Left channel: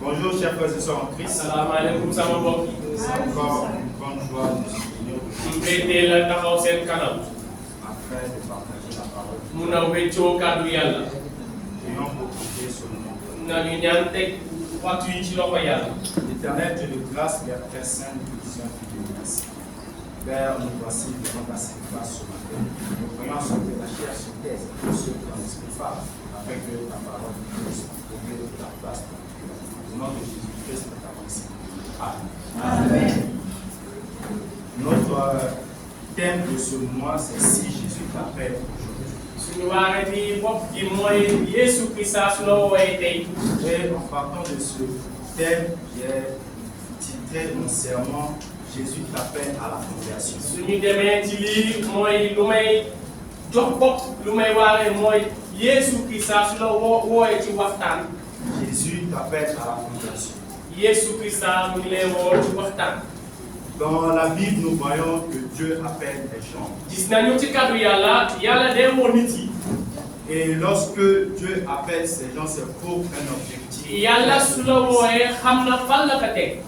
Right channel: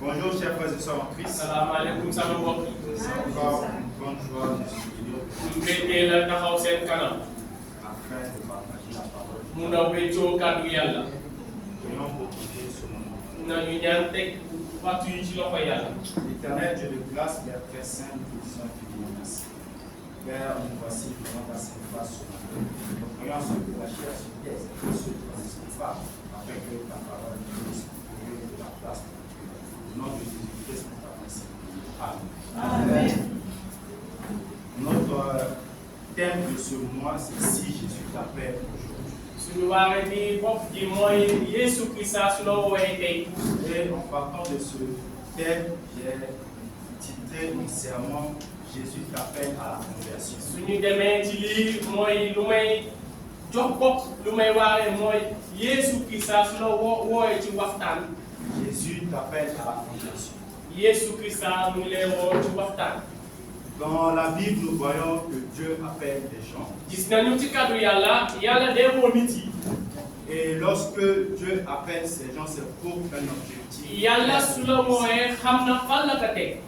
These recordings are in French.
Bonjour chers frères et sœurs en Christ. Assalamu alaikum sama mbokk yi. C'est encore une grande joie de se réunir mbégte la taxaw seen kanam. afin de partager la parole. mun a weccoo kàddu yàlla. Prions pour prier sur le nom. nañu ñaan teg waxtu yi ci loxo yàlla. Éternel Dieu de grâce, Père très saint, nous te disons infiniment merci. Père, nous voici devant ta sainte face ce matin. Nous prions sur que la chair se taise et ceux qui ont l'esprit phare, afin que ta parole puisse trouver ta place dans notre cœur. Au nom de Jésus-Christ, nous t'apprécions. Amen. Amen. Notre thème de ce mois, c'est si Jésus t'appelle aujourd'hui. suñu waaree bopp gi mooy Yesu Krista su la wooyee tey. Et en partant de ce thème, j'ai titré mon sermon Jésus t'appelle à la conversion. suñu demee ci lii mooy lu may jox bopp lu may waaree mooy Yesu Krista su la wooyee ci waxtaan. Jésus t'appelle à la conversion. Yesu Krista mu ngi lay woo ci waxtaan. Dans la Bible, nous voyons que Dieu appelle les gens. gis nañu ci kàddu yàlla day woo nit yi. Et lorsque Dieu appelle ces gens, c'est pour un objectif. yàlla su la wooyee xam na fan la ko teg.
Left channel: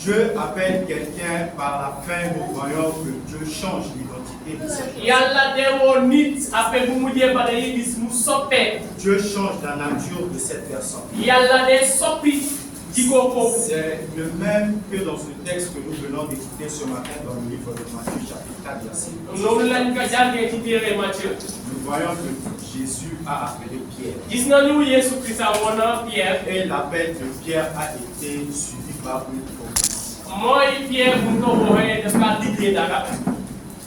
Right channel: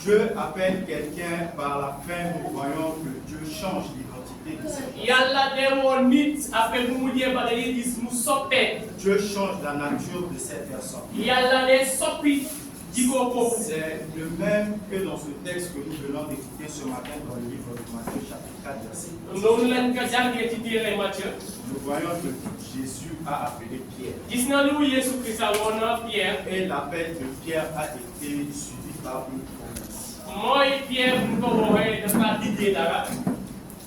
Dieu appelle quelqu'un par la fin, nous voyons que Dieu change l'identité de ces gens. yàlla day woo nit après bu mu jee ba day gis mu soppeeku. Dieu change la nature de cette personne. yàlla day soppi jikko foofu. C'est le même que dans ce texte que nous venons d'écouter ce matin dans le livre de Matthieu chapitre 4 verset 10. noonu lañ ko jàngee ci téere Matthieu. Nous voyons que Jésus a appelé Pierre. gis nañu Yesu Krista woon na Pierre. Et l'appel de Pierre a été suivi par une promesse. mooy Pierre bu ñu ko wooyee dafa diggee dara.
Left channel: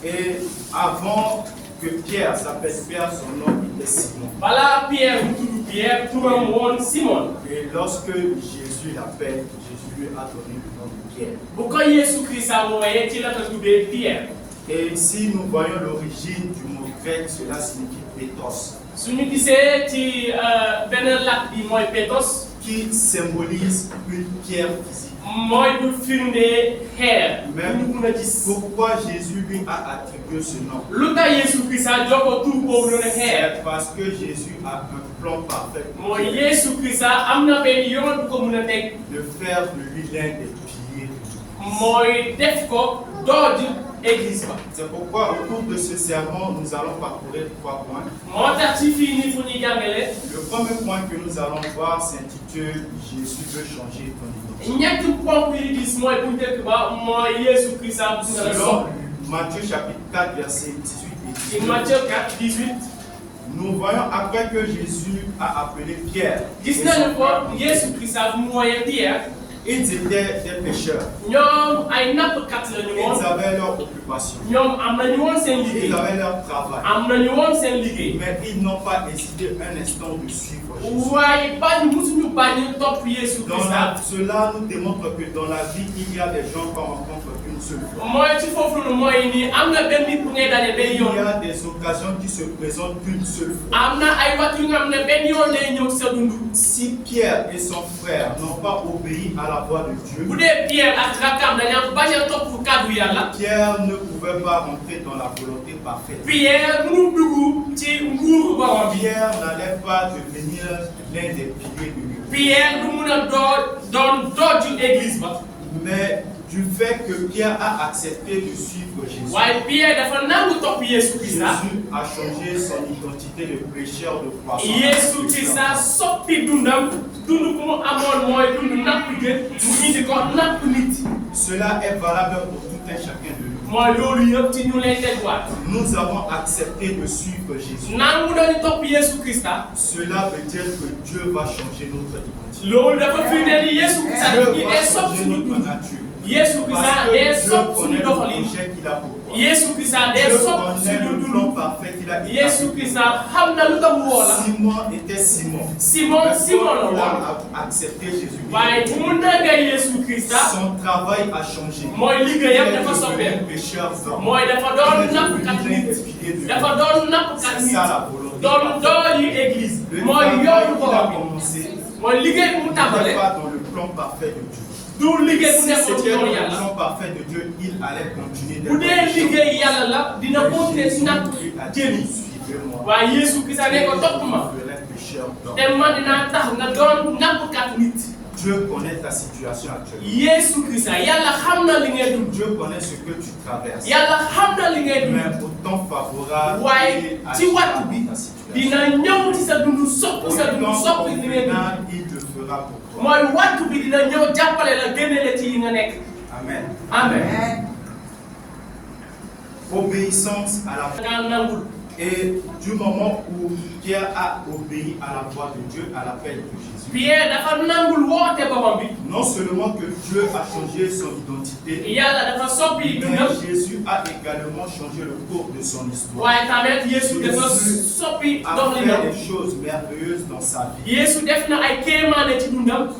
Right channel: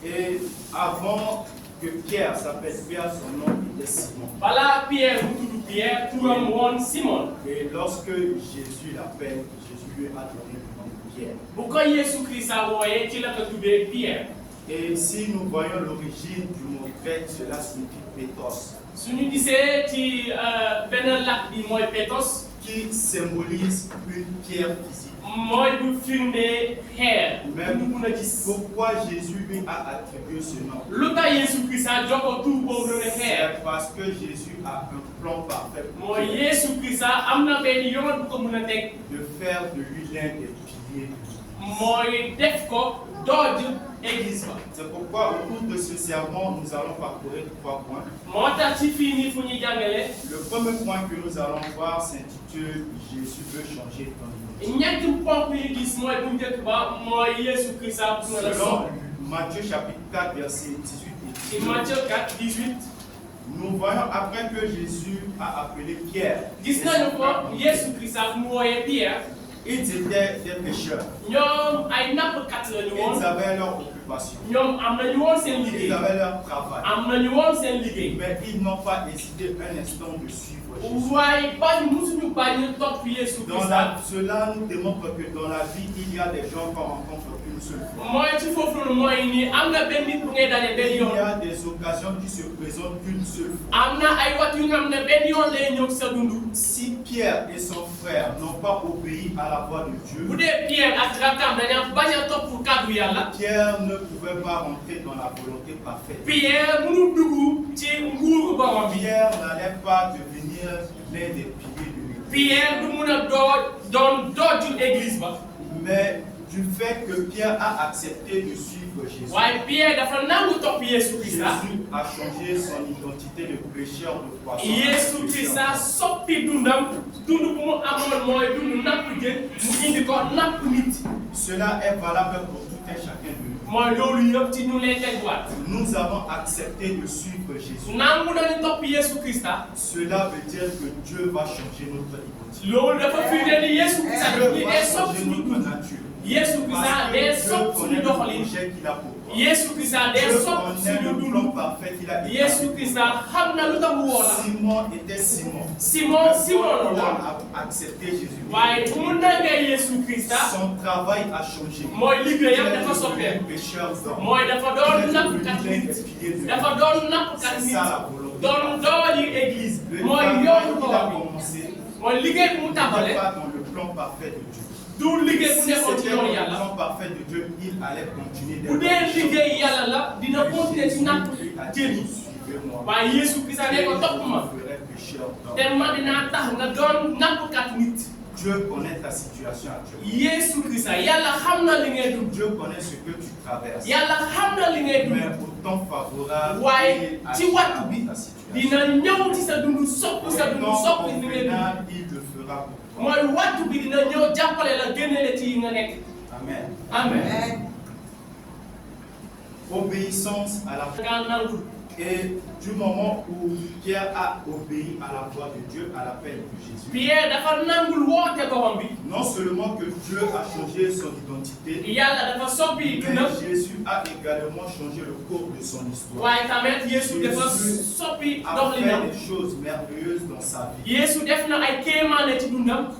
Et avant que Pierre s'appelle Pierre, son nom était Simon. balaa Pierre bu tudd Pierre turam woon Simon. Et lorsque Jésus l'appelle, Jésus lui a donné le nom de Pierre. bu ko Yesu Krista wooyee ci la ko tuddee Pierre. Et ici, nous voyons l'origine du mot grec, cela signifie Pétos, suñu gisee ci benn làkk bi mooy Pétos. qui symbolise une pierre physique. mooy du firnde xeer. Même ñu mun a gis. pourquoi Jésus lui a attribué ce nom? lu tax Yesu Krista jox ko tur boobu noonu xeer. C'est parce que Jésus a un plan parfait pour mooy Yesu Krista am na benn yoon bu ko mun a teg. de faire de lui l'un des piliers de l'Église. mooy def ko dooju église ba. C'est pourquoi au cours de ce sermon, nous allons parcourir 3 points. moo tax ci fii nii fu ñuy jàngale. Le premier point que nous allons voir s'intitule Jésus veut changer ton identité. ñetti ponk yi gis mooy bu njëkk ba mooy Yesu Krista bu nga la Selon soppi. Matthieu chapitre 4 verset 18 et ci 19, Matthieu 4, 18. nous voyons après que Jésus a appelé Pierre. et gis son nañu frère, ko Yesu Krista bu mu wooyee Pierre. ils étaient des pécheurs. ñoom ay nappkat la ñu Ils woon. avaient leur occupation. ñoom am nañu woon seen Ils liggéey. avaient leur travail. am nañu woon seen liggéey. Mais ils n'ont pas hésité un instant de suivre Jésus. waaye bañ musuñu bañ topp Yesu Krista. Cela nous démontre que dans la vie, il y a des gens qu'on rencontre une seule fois. mooy ci foofu noonu mooy nii am na benn nit bu ngay daje benn Il y yoon. a des occasions qui se présentent qu'une seule fois. am na ay waxtu yu nga xam ne benn yoon lay ñëw sa dund. Si Pierre et son frère n'ont pas obéi à la voix de Dieu, bu dee Pierre ak rakkam dañoo bañ a topp kàddu yàlla. Pierre ne pouvait pas rentrer dans la volonté parfaite. Pierre mënu dugg ci nguuru borom bi. Pierre n'allait pas devenir l'un des piliers de l'Église. Pierre du mun a doon dooju église ba. Mais du fait que Pierre a accepté de suivre Jésus, waaye Pierre dafa nangu topp Yesu Krista. Jésus a changé son identité de prêcheur de croissance. Yesu Krista soppi dundam dund bu mu amoon mooy dund napp jë mu indi ko napp nit. Cela est valable pour tout un chacun de nous. mooy loolu yëpp ci ñu lay tegwaat. Nous avons accepté de suivre Jésus. nangu nañu topp Yesu Krista. Cela veut dire que Dieu va changer notre identité. loolu dafa firnde ni Yesu Krista Dieu yi va day soppi changer suñu notre dund. nature. Yesu Krista Parce day que Dieu soppi connaît suñu le doxalin. projet qu'il a pour toi. Yesu Krista day Dieu soppi connaît suñu le plan dund. parfait qu'il a Yesu Krista xam na lu tax mu woo la. Simon était Simon. Simon Mais Simon la quand il woon. a accepté Jésus, waaye bu mu nangee Yesu Krista. son travail a changé. mooy liggéeyam Il est dafa devenu soppeeku. pécheur d'hommes. mooy dafa doon Il est nappkat devenu l'un nit. des piliers de dafa l'Église. doon nappkat C'est nit. ça la volonté. doon dooju église. Le mooy travail yoonu qu'il a borom bi. commencé mooy liggéey bu mu n'était tàmbalee. pas dans le plan parfait de Dieu. du liggéey bu Si nekkoon ci c'était dans yoonu le yàlla. plan parfait de Dieu, il allait continuer bu dee liggéey yàlla la dina continuer ci napp jëli. Suivez-moi. waaye Yesu Krista ne ko topp ma. Je ferai pécheur d'hommes. te ma dinaa tax nga doon nappkat nit. ta situation actuelle. Yesu Krista yàlla xam na li ngay dund. Dieu connaît ce que tu traverses. yàlla xam na li ngay dund. Mais au temps favorable, waaye ci waxtu bi dina ñëw ci sa dund soppi sa dund soppi li ngay dund. il le fera pour toi. mooy waxtu bi dina ñëw jàppale la génne la ci yi nga nekk. Amen. Amen. Obéissance à la nga nangul. Et du moment où Pierre a obéi à la voix de Dieu, à l'appel de Jésus, Pierre dafa nangul woote boppam bi. non seulement que Dieu a changé son identité, yàlla dafa soppi mais dundam. Jésus a également changé le cours de son histoire. waaye tamit Yesu dafa soppi A doxalinam. fait des choses merveilleuses dans sa vie. Yesu def na ay kéemaane ci dundam.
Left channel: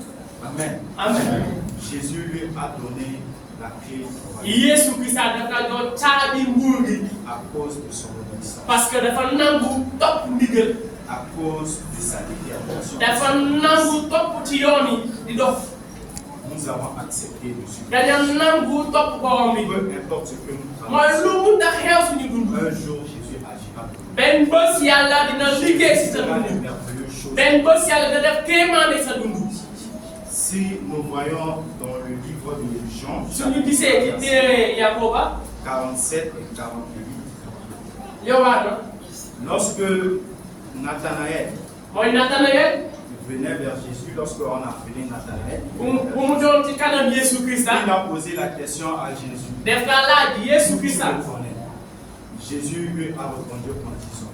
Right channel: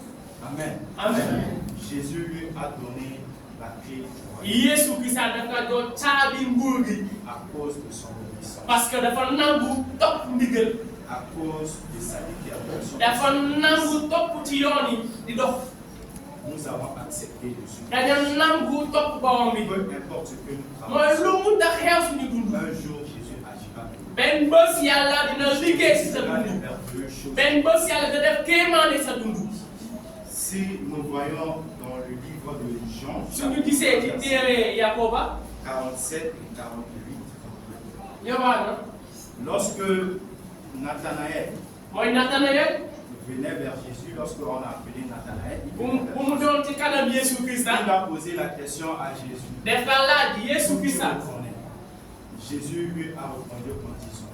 Amen. Amen. Jésus lui a donné la clé Yesu Krista dafa doon caabi nguur gi. à cause de son obéissance, parce que dafa nangu topp ndigal. à cause de sa détermination. dafa nangu topp ci yoon yi di dox. Nous avons accepté de suivre. dañu nangu topp borom bi. Peu importe ce que nous mooy traversons, lu mu tax xew suñu dund. un jour Jésus agira. benn bés yàlla dina liggéey si sa fera des dund. merveilleuses choses. benn bés yàlla da def kéemaane sa dund. Si nous voyons dans le livre de Jean, suñu gisee ci téere Yakoba 47 et 48, Yowaana lorsque Nathanaël mooy Nathanaël venait vers Jésus, lorsqu'on a appelé Nathanaël, bu mu doon ci kanam Yesu Krista il a posé la question à Jésus. def ka laaj Yesu Où tu Krista. me connais? Jésus lui a répondu en disant,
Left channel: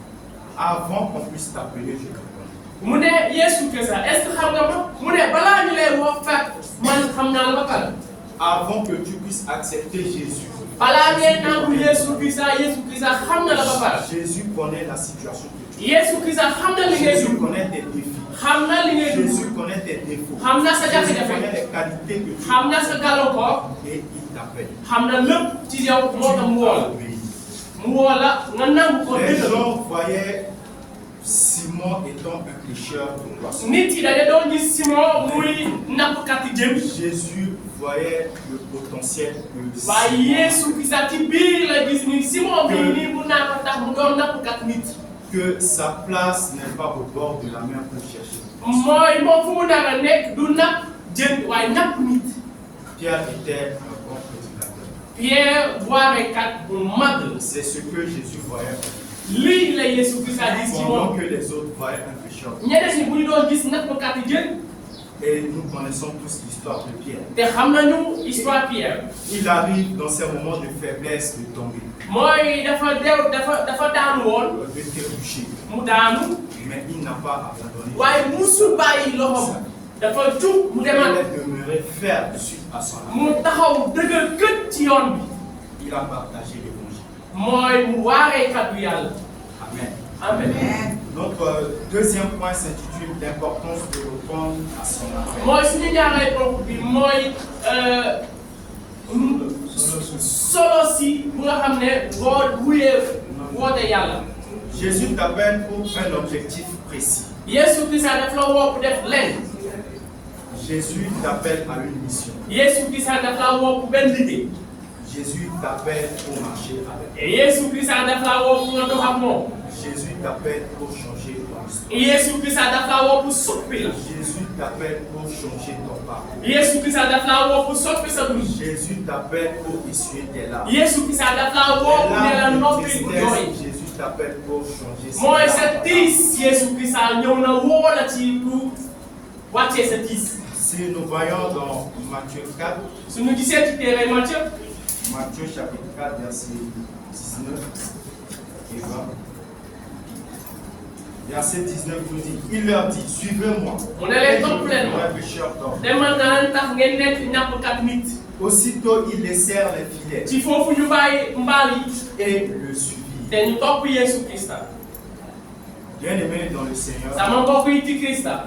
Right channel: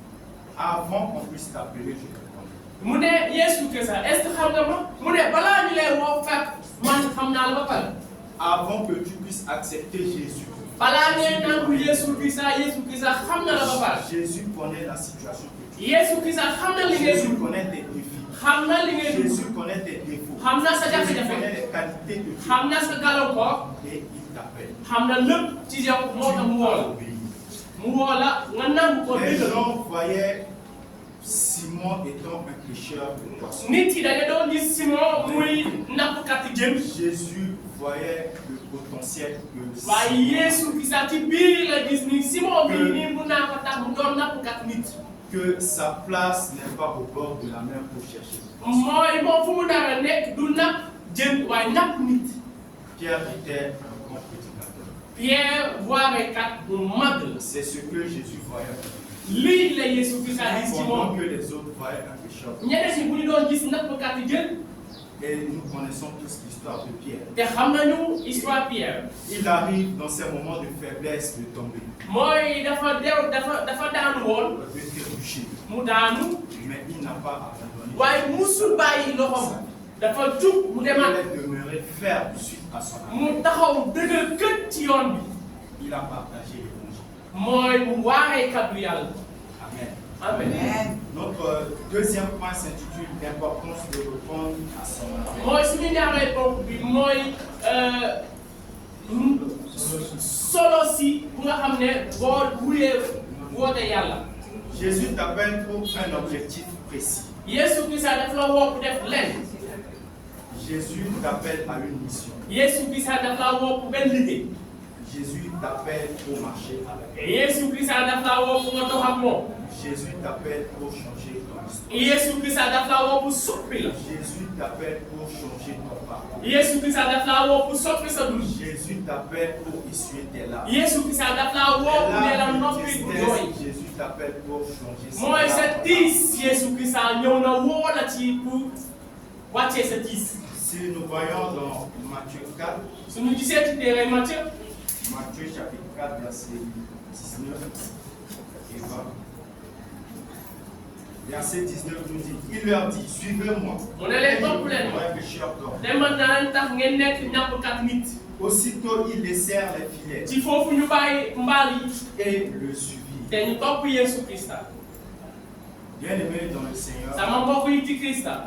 avant qu'on puisse t'appeler, je te connais. mu ne Yesu Krista est-ce que xam nga ma mu ne balaa ñu lay woo fekk man xam naa la ba pare. Avant que tu puisses accepter Jésus, balaa ngay nangu Yesu Krista xam na la ba pare. Jésus connaît la situation que tu Yesu Krista xam na li ngay Jésus dund. connaît tes défis. xam na li ngay dund. Jésus connaît tes défauts. xam na sa Jésus jafe-jafe. connaît les qualités que tu xam na sa gàllankoor. et il t'appelle. xam na lépp ci yow moo tax mu woo la. Obéis. mu woo la nga nangu ko Les dëgg. gens voyaient Simon étant un pêcheur de poissons. nit yi dañu doon gis Simon muy nappkat jën. Jésus voyait le potentiel que waaye Yesu Krista ci biir la gis ni Simon bii Que- nii mun naa ko tax mu doon nappkat nit. que sa place n'est pas au bord de la mer pour chercher. mooy moom fu mu dara nekk du napp jën waaye napp nit. Pierre était un bon prédicateur. Pierre waarekat bu mag la. C'est ce que Jésus voyait. lii la Yesu Krista gis ci Pendant moom. que les autres voyaient un pécheur. ñeneen ñi bu ñu doon gis nappkat jën Et nous connaissons tous l'histoire de Pierre. te xam nañu histoire Pierre. Il arrive dans ces moments de faiblesse de tomber, mooy dafa daanu woon de trébucher. mu daanu Mais il n'a pas abandonné. waaye musul bàyyi loxoom dafa jug mu Il demaat est demeuré ferme suite à son amour. mu taxaw dëgër kët ci yoon bi. Il a partagé l'évangile. mooy mu waaree kaddu yàlla. Amen. amen. Notre deuxième point s'intitule l'importance de répondre à son appel. mooy suñu ñaareel ponk bi mooy solo si bu nga xam ne boo wuyee woote yàlla. Jésus t'appelle pour un objectif précis. Yesu Krista daf la woo pour def lenn. Jésus t'appelle à une mission. Yesu Krista daf la woo pour benn liggéey. Jésus t'appelle pour marcher avec. et Yesu Krista daf la woo pour nga dox ak moom. Jésus t'appelle pour changer ton histoire. Yesu Krista daf la woo pour soppi la. Jésus t'appelle pour changer ton parcours. Yesu Krista daf la woo pour soppi sa dund. Jésus t'appelle pour essuyer tes larmes. Yesu Krista daf la woo pour ne la noppi bu jooy. Jésus t'appelle pour changer mooy sa tiis Yesu Krista ñëw na woo la ci pour wàccee sa tiis. Si nous voyons dans Matthieu 4, suñu gisee ci téere Matthieu Matthieu chapitre 4, verset 19 et 20. Verset 19 nous dit, il leur dit, suivez-moi. mu ne leen topp leen ma. Un pécheur d'homme. demal naa tax ngeen nekk ñàppkat nit. Aussitôt, ils laissèrent les filets ci foofu ñu bàyyi mbaal yi et le suivirent. te ñu topp Yesu Krista. Bien-aimés dans le Seigneur, sama mbokk yi ci Krista.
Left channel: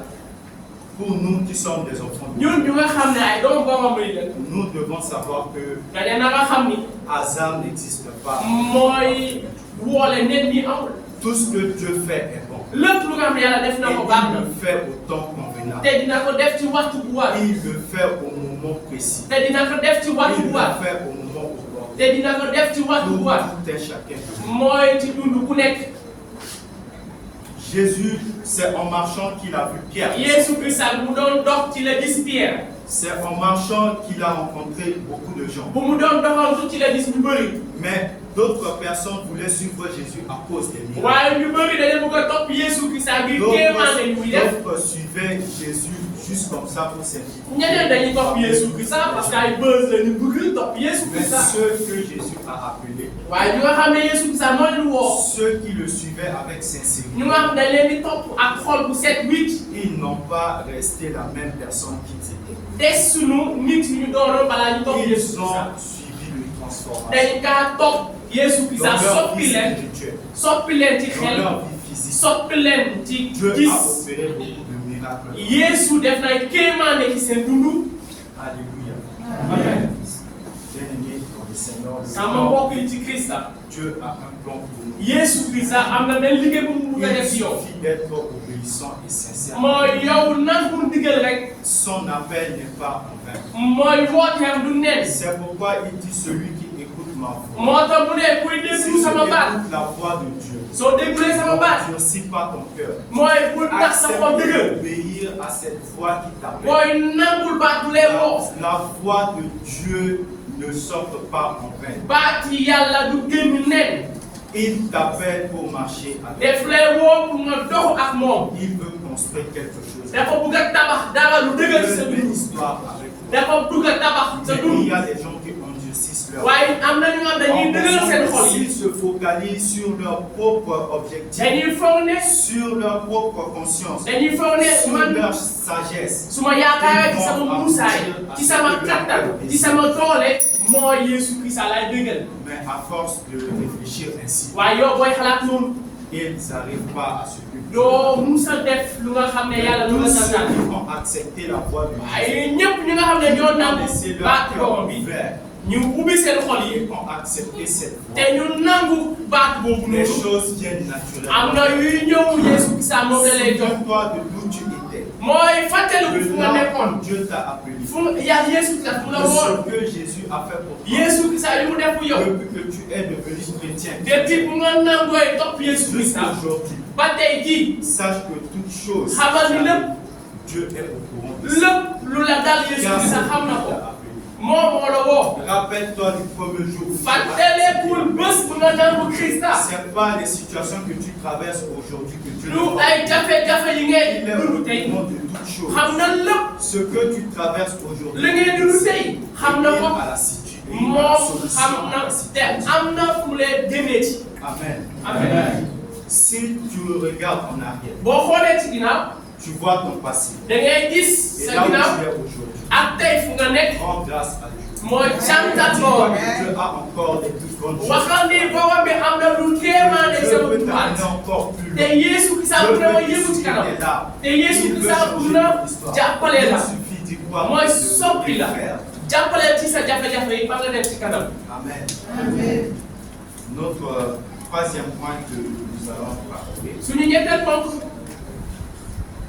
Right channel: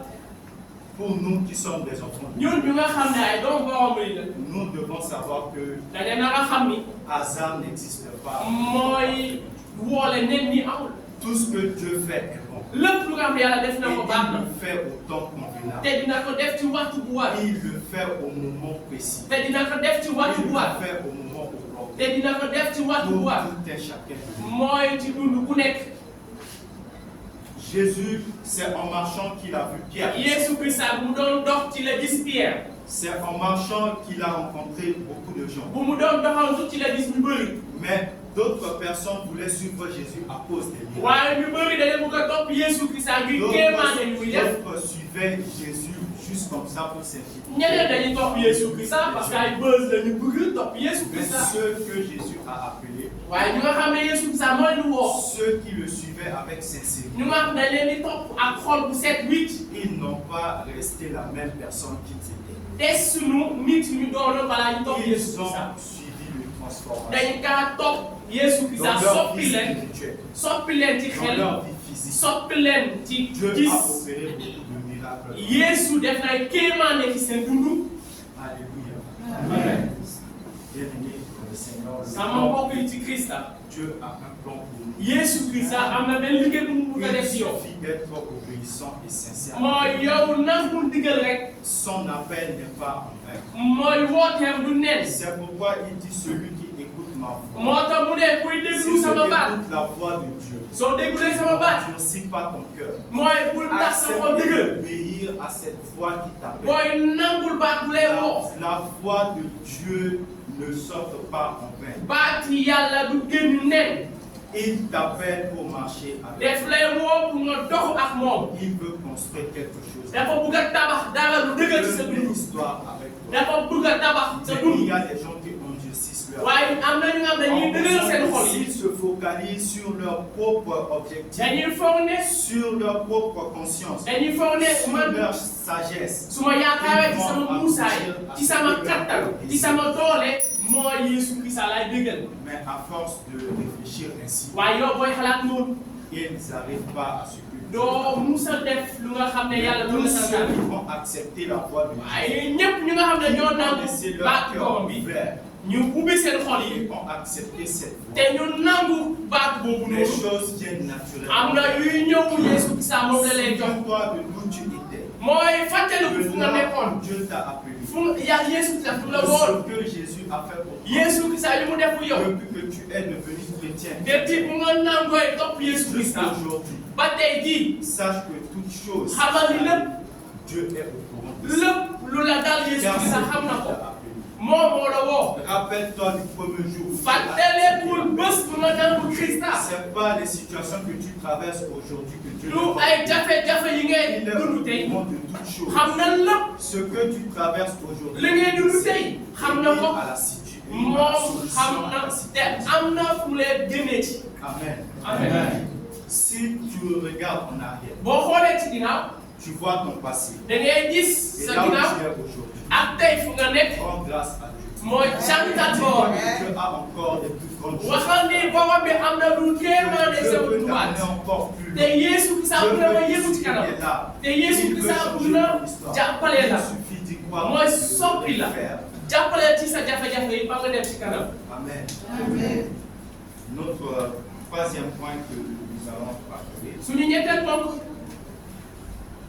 pour nous qui sommes des enfants de Dieu, ñun ñu nga xam ne ay doomu borom yi la. nous devons savoir que dañu na nga xam ni hasard n'existe pas. mooy woole nit ñi amul. Tout ce que Dieu fait est bon. lépp lu nga xam ne yàlla def Et na ko baax il na. le fait au temps convenable. te dina ko def ci waxtu bu war. Il le fait au moment précis. te dina ko def ci waxtu Il bu le war. fait au moment opportun. te dina ko def ci waxtu bu war. Tout est chacun. mooy ci dund ku nekk. Jésus, c'est en marchant qu'il a vu Pierre. Yesu Krista bu mu doon dox ci la gis Pierre. C'est en marchant qu'il a rencontré beaucoup de gens. bu mu doon doxantu ci la gis ñu bëri. Mais d'autres personnes voulaient suivre Jésus à cause des miracles. waaye ñu bëri dañu bëgg a topp Yesu Krista ngir kéemaane yu muy def. D'autres suivaient Jésus juste comme ça pour servir. ñeneen dañuy topp Yesu Krista parce que ay buzz la ñu bëgg topp Yesu Mais Krista. ceux que Jésus a appelés, waaye ñu nga xam ne Yesu Krista moo leen woo. ceux qui le suivaient avec sincérité, ñu nga xam dañ leen di topp ak xol bu set wicc. ils n'ont pas resté la même personne qu'ils étaient. des sunu nit yu ñu doonoon balaa ñu topp Yesu Ils Krista. ont suivi le transformation. dañ kaa topp Yesu Dans Krista leur vie soppi leen. spirituelle, soppi leen ci dans xel. leur vie physique, soppi leen ci Dieu gis. a opéré beaucoup de miracles. Yesu def na kéemaane ci seen dund. Alléluia. Amen. Bien-aimés dans le Seigneur, sama mbokk yi ci Krista. Dieu a un plan pour nous. Yesu Krista am na benn liggéey bu mu bëgg a Il def ci yow. suffit d'être obéissant et sincère. mooy yow nangul ndigal rek. Son appel n'est pas en vain. mooy wooteem du nen. C'est pourquoi il dit celui qui écoute ma voix. moo tax mu ne kuy Si déglu tu sama baat. écoutes la voix de Dieu, soo déglulee sama baat. n'endurcis pas ton cœur. mooy bul tax sa xol Accepte dëgër. d'obéir à cette voix qui t'appelle. mooy nangul baat bu lay woo. La voix de Dieu ne sort pas en vain. baat yi yàlla du génn nen. Il t'appelle pour marcher avec def lay woo pour nga dox ak moom. lui. Il veut construire quelque chose. dafa bëgg a tabax dara lu dëgër ci sa Il veut une dund. histoire avec toi. dafa bëgg a tabax sa Mais dund. il y a des gens qui endurcissent leur waaye am na ñu nga xam dañuy dëgëral seen xol S'ils yi. se focalisent sur leur propre objectif, dañuy foog ne. sur leur propre conscience, dañuy foog ne sur man leur sagesse, su ma yaakaar ci sama muusaay ci sama kattan ci sama doole mooy Yesu Krista laay dëggal. mais à force de réfléchir ainsi, waaye yow booy xalaat noonu ils n'arrivent pas à suivre. doo musa def lu nga xam ne yàlla lu Tous la ceux santaan. qui ont accepté la voix de Dieu, waaye ñëpp ñi nga xam ne ñoo ont nangu laissé leur baat cœur borom bi ouvert, ñu ubbi seen xol yi ils ont accepté cette voix. te ñu nangu baat boobu Les noonu. choses viennent am naturellement. na yuy ñëw Yesu Krista moom la lay jox. Souviens-toi de d'où tu étais. mooy fàttaliku De fu nga là nekkoon. où Dieu t'a appelé. fu yaa Yesu Krista fu la De woon. ce que Jésus a fait pour toi. Yesu Krista li mu def yow. Depuis que tu es devenu chrétien, depuis bu nga nangooy topp Yesu Krista. jusqu'aujourd'hui, ba tey jii sache que toute chose, xamal ni lépp Dieu est au courant de ça. lépp lu la dal Yesu Car Krista c'est xam na lui qui ko. t'a appelé. moo moo la woo. Rappelle-toi du premier jour où tu as fàttalikul accepté. bés bu nga nangu Krista. C'est pas les situations que tu traverses aujourd'hui que Dieu lu te ay jafe-jafe yi Il ngay est au dund tey courant de toutes choses. xam na lépp. Ce que tu traverses aujourd'hui, li ngay dund tey xam na ko. à la situation, moom xam na te am na fu mu lay génnee ci. Amen. Amen. Si tu regardes en arrière, boo xoolee ci ginnaaw tu vois ton passé. da ngay gis Et sa là où ginnaaw tu es aujourd'hui, ak tey fu nga nekk rends grâce à Dieu. mooy càngat borom. Dieu a encore des plus grandes choses. waxal ni borom bi am na lu kéemaane Dieu sama peut dunduwaat. t'amener encore plus te loin. Yesu Krista bu na ma yëngu ci kanam. te Yesu Krista bu na jàppale la. Il suffit d'y croire, mooy de soppi le la. faire. jàppale ci sa jafe-jafe yi ba nga dem ci kanam. Amen. Notre troisième point que nous allons parler. suñu ñetteel ponk.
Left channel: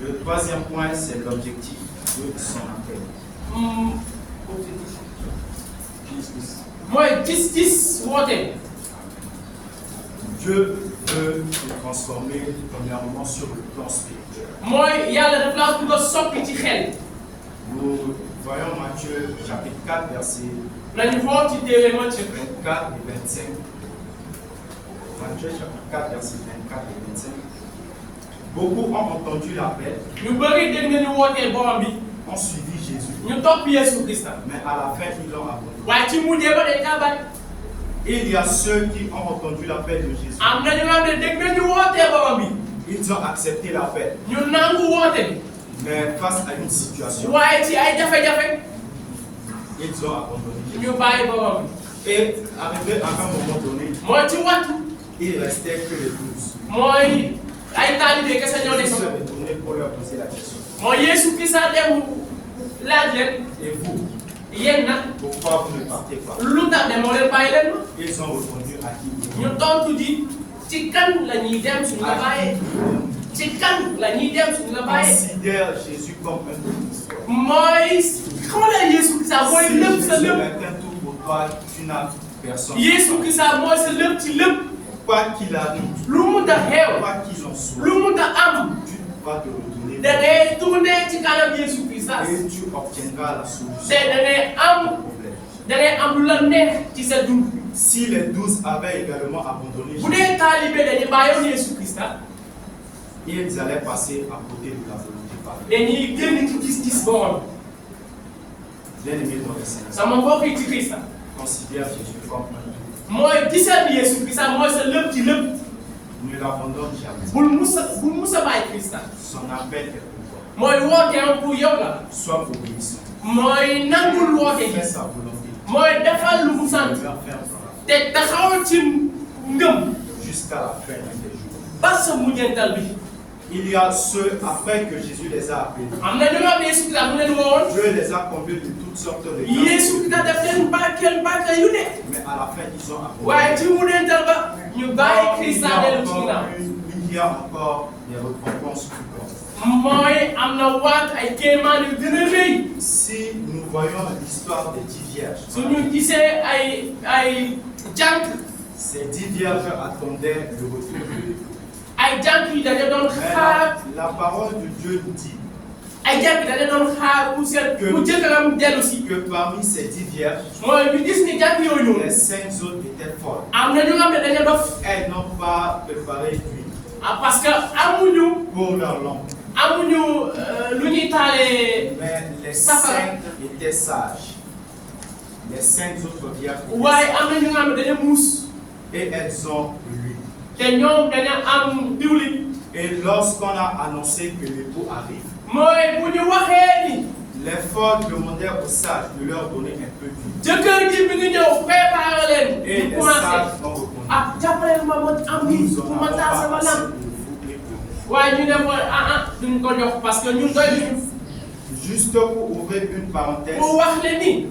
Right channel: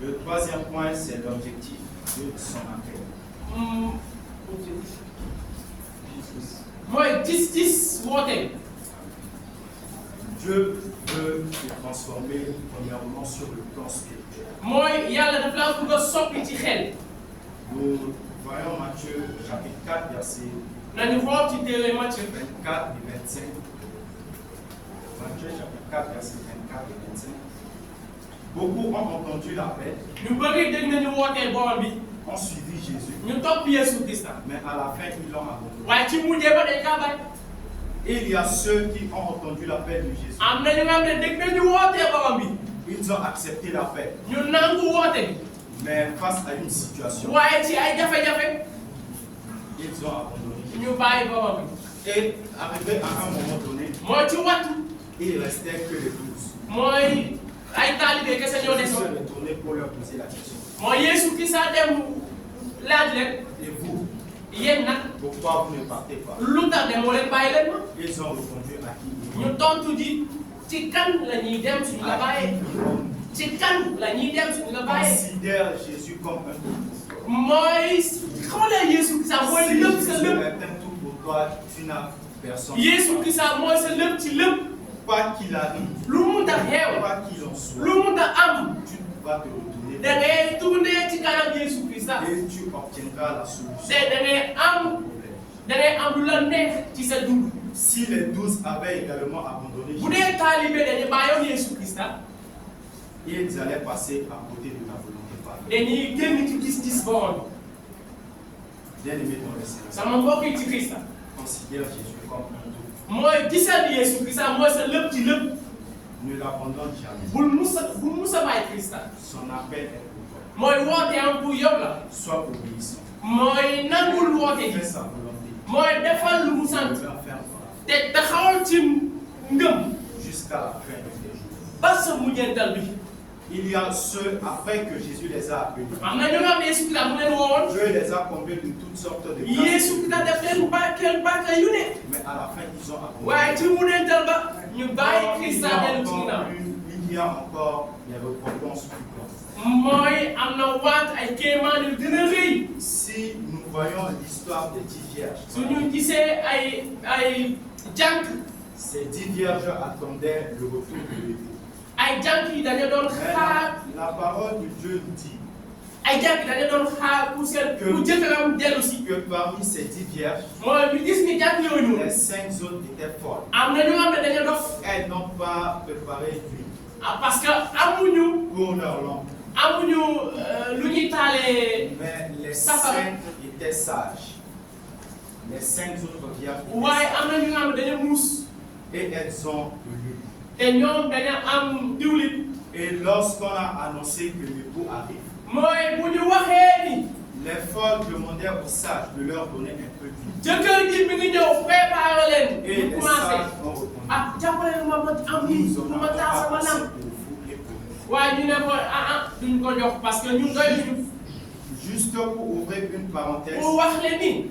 Le troisième point, c'est l'objectif de son appel. mooy gis-gis woote. Dieu veut te transformer premièrement sur le plan spirituel. mooy yàlla daf laa bëgg a soppi ci xel. Nous voyons Matthieu chapitre 4, versets nañu xool ci téere Matthieu 24 et 25. Matthieu chapitre 4, versets 24 et 25. Beaucoup ont entendu l'appel, ñu bëri dégg nañu wootee borom bi. ont suivi Jésus, ñu topp Yesu Krista. mais à la fin, ils l'ont abandonné. waaye ci mujjee ba dañ kaa bàyyi. Il y a ceux qui ont entendu l'appel de Jésus. am na ñu nga xam ne dégg nañu wootee borom bi. Ils ont accepté l'appel, ñu nangu woote bi. mais face à une situation, waaye ci ay jafe-jafe ils ont abandonné. ñu bàyyi borom bi. Et arrivé à un moment donné, mooy ci wattu. il restait que les 12. mooy ay taalibe kese ñoo Ils des. se retournaient pour leur poser la question. mooy Yesu Krista dem laaj leen. Et vous, yéen nag pourquoi vous ne partez pas? lu tax ne moo leen bàyyi leen ma. Ils ont répondu à qui? ñu tontu di ci kan la ñuy dem suñu la bàyyee. ci kan la ñuy dem suñu la bàyyee. Considère Jésus comme un tout. mooy xoolee Yesu Krista mooy Si lépp Jésus sa lépp. est un tout pour toi, tu n'as personne. Yesu Krista mooy sa lépp ci lépp. quoi qu'il arrive, lu mu ta xew quoi qu'il en soit, lu mu ta am tu vas te retourner da ngay tourner ci kanam Yesu Christa et tu obtiendras la solution te da ngay au am problème. lu la neex ci sa dund Si les 12 avaient également abandonné bu Jésus, dee taalibe dañu bàyyoon Yesu Christa ils allaient passer à côté de la volonté parfaite. dañuy génn ci gis-gis borom Bien-aimés dans le Seigneur, sama mbokk yi ci Christa considère Jésus comme un tout. mooy gisal Yesu Christa mooy sa lépp ci lépp Ne l'abandonne jamais. bul musa bàyyi Christa Son appel est pour toi. mooy wooteem pour yow la Sois obéissant. mooy nangul woote Fais gi sa volonté. mooy defal lu mu sant Tu vas faire par te taxawal ci ngëm jusqu'à la fin de tes jours. ba sa mujjantal bi Il y a ceux, après que Jésus les a appelés, am na ñu nga xam ne Yesu Christa mu leen woowoon Dieu les a comblés de toutes sortes de Yesu grâces. Christa def leen barkeel yu ne Mais à la fin, ils ont abandonné. waaye ci mujjantal ba ñu bàyyi Christa dellu ci ginnaaw Il y a encore des récompenses plus grandes. mooy am na waat ay kéemaan yu gën a rëy Si nous voyons l'histoire des 10 vierges, su ñu gisee ay jànk ces 10 vierges attendaient le retour de l'époux. ay jànk yi dañu doon Mais xaar la parole de Dieu nous dit ay jànk dañu doon xaar pour seen pour jëkkëram dellu si que parmi ces 10 vierges, mooy ñu gis ni jànk yooyu noonu les 5 autres étaient folles. am na ñu nga xam ne dañu dof Elles n'ont pas préparé d'huile parce que amuñu pour leur lampe. lu ñuy taalee Mais les Papa. 5 étaient sages. Les 5 autres vierges étaient waaye sages. am na ñu nga xam ne dañu muus Et elles ont l'huile. te ñoom dañu am diwlin Et lorsqu'on a annoncé que l'époux arrive, mooy bu ñu waxee ni les folles demandèrent aux sages de leur donner un peu d'huile. jëkkër ji bi ngi ñëw préparé leen Et ñu les commencé sages ont répondu, ah jàppale ma am ni nous pour n'aurons ma taal pas sama assez lamp de vous époux. waaye ñu ne ko duñ ko jox parce que ñun doy ñu Juste pour ouvrir une parenthèse, pour wax le ni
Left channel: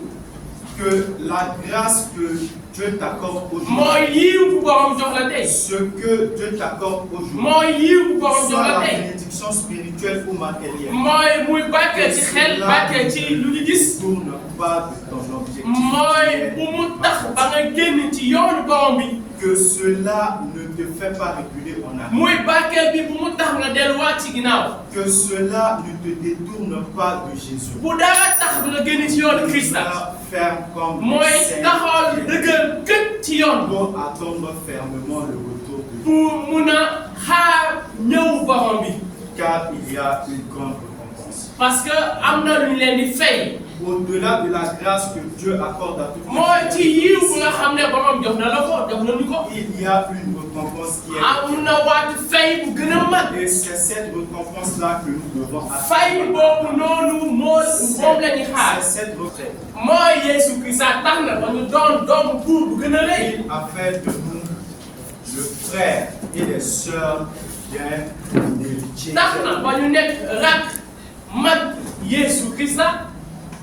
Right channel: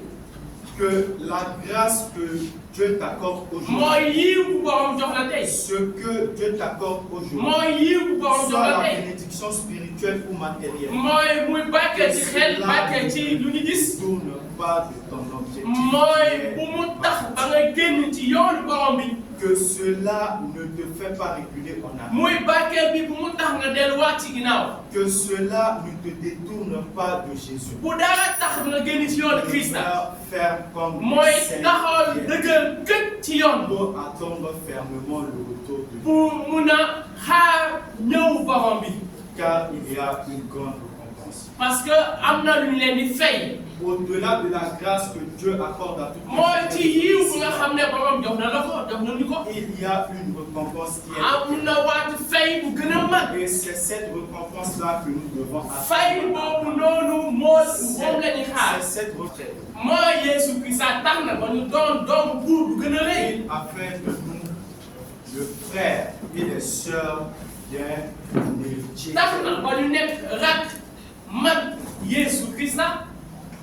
que la grâce que Dieu t'accorde aujourd'hui, mooy yiw bu borom jox la tey ce que Dieu t'accorde aujourd'hui, mooy yiw bu borom jox soit la la tey bénédiction spirituelle ou matérielle, mooy muy barkeel ci xel barkeel ci lu ñu gis ne tourne pas de ton objectif. mooy bu mu tax ba nga génn ci yoonu borom bi Que cela ne te fait pas reculer en arrière. muy barkeel bi bu mu tax nga delluwaat ci ginnaaw Que cela ne te détourne pas de Jésus. bu dara tax nga génn ci yoonu Christa Demeure ferme comme mooy les saints taxawal dëgër gën ci yoon pour attendre fermement le retour de Dieu. pour mun a xaar ñëw borom bi Car il y a une grande récompense. parce que am na lu ñu leen di fay Au-delà de la grâce que Dieu accorde à toute mooy ci yiw bu nga xam ne borom jox na la ko jox na ñu ko il y a une récompense qui est am na waatu fay bu gën a mag et c'est cette récompense-là que nous devons fay boobu noonu moom la ñuy xaar C'est cette retraite. mooy Yesu Christa tax na ba ñu doon doomu buur bu gën a rëy Il a fait de nous le frère et les sœurs d'un héritier. tax na ba ñu nekk rak mag Yesu Christa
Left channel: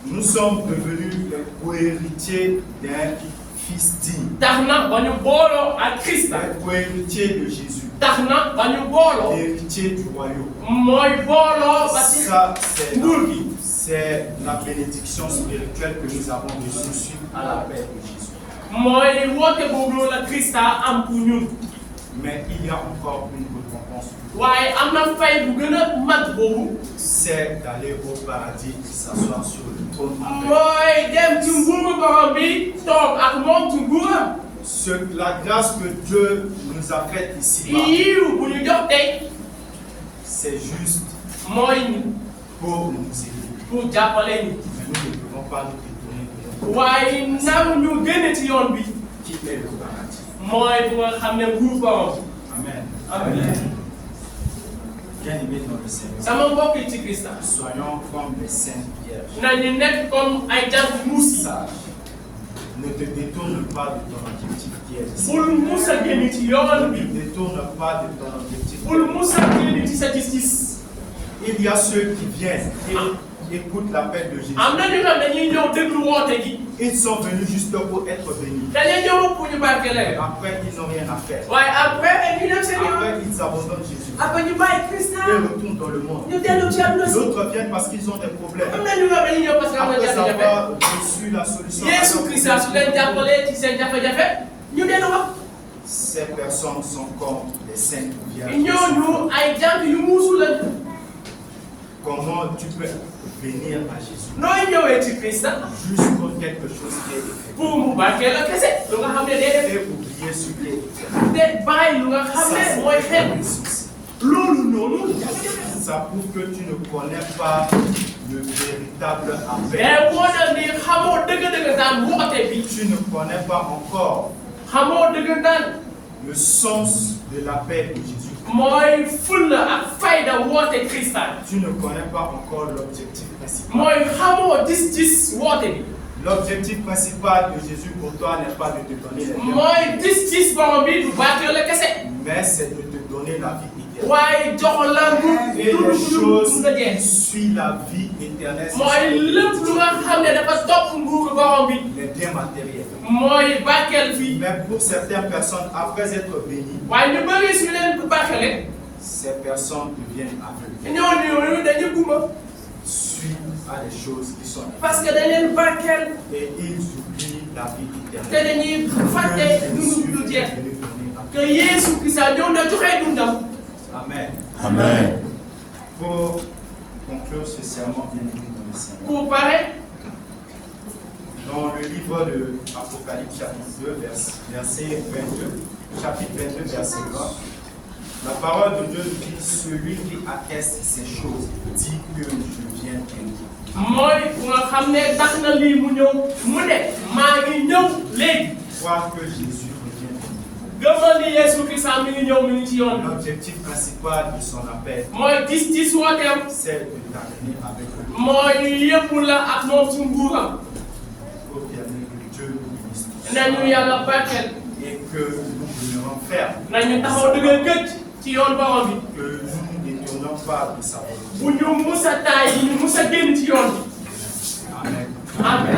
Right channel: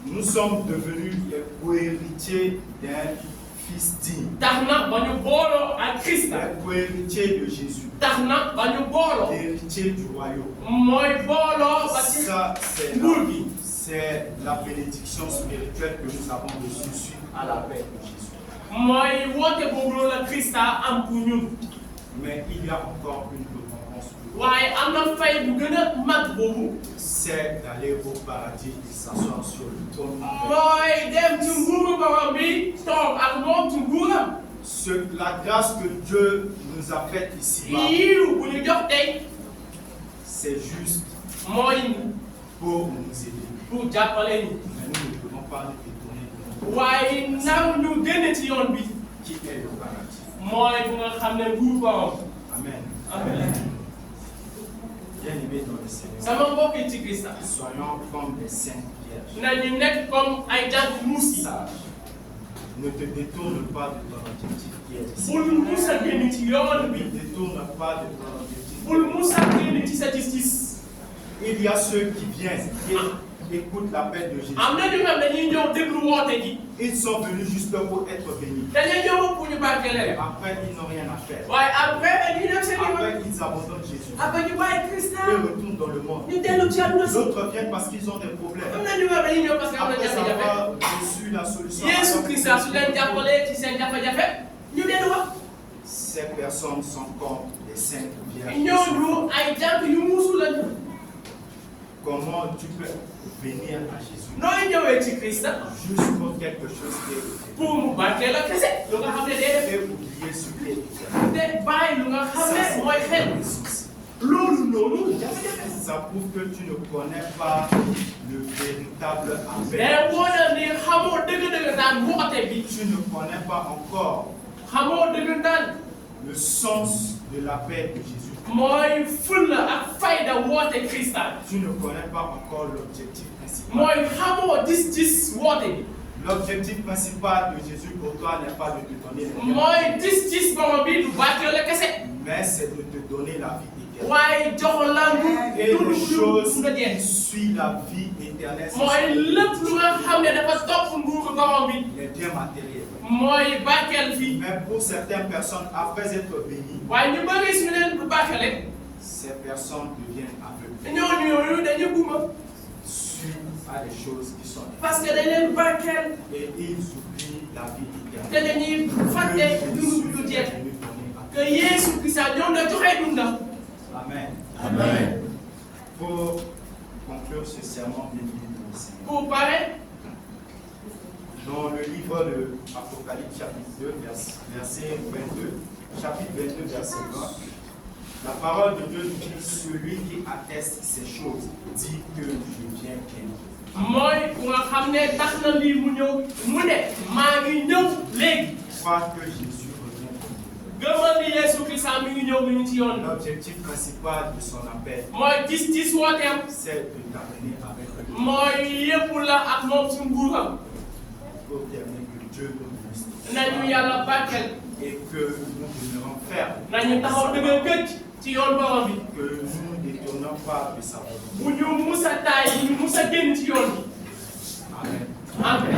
Nous sommes devenus les co-héritiers d'un fils digne, tax na ba ñu booloo ak Christa un co-héritier de Jésus, tax na ba ñu booloo héritier du royaume. mooy booloo ba ci Ça, nguur gi c'est la bénédiction spirituelle que nous avons reçue suite à l'appel de Jésus. mooy woote boobu la Christa am pour ñun Mais il y a encore une récompense plus grande. waaye am na fay bu gën a mag boobu C'est d'aller au paradis et s'asseoir sur le trône. mooy dem ci nguuru borom bi toog ak moom ci nguuram La grâce que Dieu nous a faite ici-bas, yiw bu ñu jox tey c'est juste mooy pour nous aider. pour jàppale ñu Mais nous ne devons pas nous détourner de Dieu, waaye naw ñu génne ci yoon bi qui est le paradis. mooy bu nga xam ne nguur borom Amen. amen Bien-aimés dans le Seigneur, sama mbokk yi ci Christa soyons comme des saintes vierges. nañu nekk comme ay jant muus yi Sage. Ne te détourne pas de ton objectif qui est ici. bul mus a génn ci yoon Ne bi te détourne pas de ton objectif. bul mus a génn ci sa gis-gis Il y a ceux qui viennent et écoutent l'appel de Jésus. am na ñu ne dañuy ñëw déglu woote gi Ils sont venus juste pour être bénis. dañuy ñëw pour ñu barkeelal Après, ils n'ont rien à faire. waaye après ñu dem seen yoon Après, ils abandonnent Jésus. après ñu bàyyi Christa Ils retournent dans le monde. ñu dellu ci àdduna si D'autres viennent parce qu'ils ont des problèmes. am na ñu wax dañuy ñëw parce que am na Après jafe-jafe avoir reçu la solution. Yesu Christa su leen jàppalee ci seen jafe-jafe ñu dellu wax Ces personnes sont comme des saintes vierges. ñooñu ay jànk yu muusu lañu. Comment tu peux venir à Jésus nooy ñëwee ci Christ juste pour quelque chose qui est écrit pour mu barkeel la kese lu nga xam ne day def et oublier ce qui est écrit. te bàyyi lu nga xam ne mooy xel loolu noonu jafe-jafe. Ça prouve que tu ne connais pas le véritable appel. mais boo dem nii xamoo dëgg-dëgg daan woote bi. Tu ne connais pas encore xamoo dëgg daan. le sens de l'appel de Jésus. mooy fulla ak fayda woote Christ. Tu ne connais pas encore l'objectif principal. mooy xamoo gis-gis woote bi. L'objectif principal de Jésus pour toi n'est pas de te donner les biens, mooy gis-gis borom bi du barkeel la kese. mais c'est de te donner la vie éternelle. waaye jox la Et lu les choses nga jeex. qui suivent la vie éternelle, ce mooy sont lépp lu nga xam ne dafa topp nguuru borom bi. les biens matériels. mooy barkeel fii. Mais pour certaines personnes, après être bénies, waaye ñu bëri su leen ko barkeele. ces personnes deviennent aveugles, ñooñu dañuy gumba. suivent à des choses qui sont parce que dañ leen barkeel. et ils oublient la vie te éternelle. dañuy fàtte Que dundu Jésus du est jeex. venu donner à que Yeesu Krista ñëw na joxe dundam. Amen. Amen. Pour conclure ce sermon, bien aimé dans le Seigneur, pour pare dans le livre de Apocalypse, chapitre 2, verset 22, chapitre 22, verset 20, la parole de Dieu dit: celui qui atteste ces choses dit que je viens bientôt. mooy ku nga xam ne tax na lii mu ñëw mu ne maa ngi ñëw léegi. Crois que Jésus revient. gëmal ni Yeesu Krista mi ngi ñëw mi ngi ci yoon bi. L'objectif principal de son appel, mooy gis-gis wooteem. c'est de t'amener avec lui. mooy yëpp la ak moom ci nguuram. Pour permettre que Dieu nous bénisse nañu yàlla barkeel. et que nous demeurons fermes, nañu taxaw dëgër këcc ci yoon borom bi. que nous ne détournons pas de sa volonté. bu ñu musa taay yi musa génn ci yoon bi. Amen. Amen.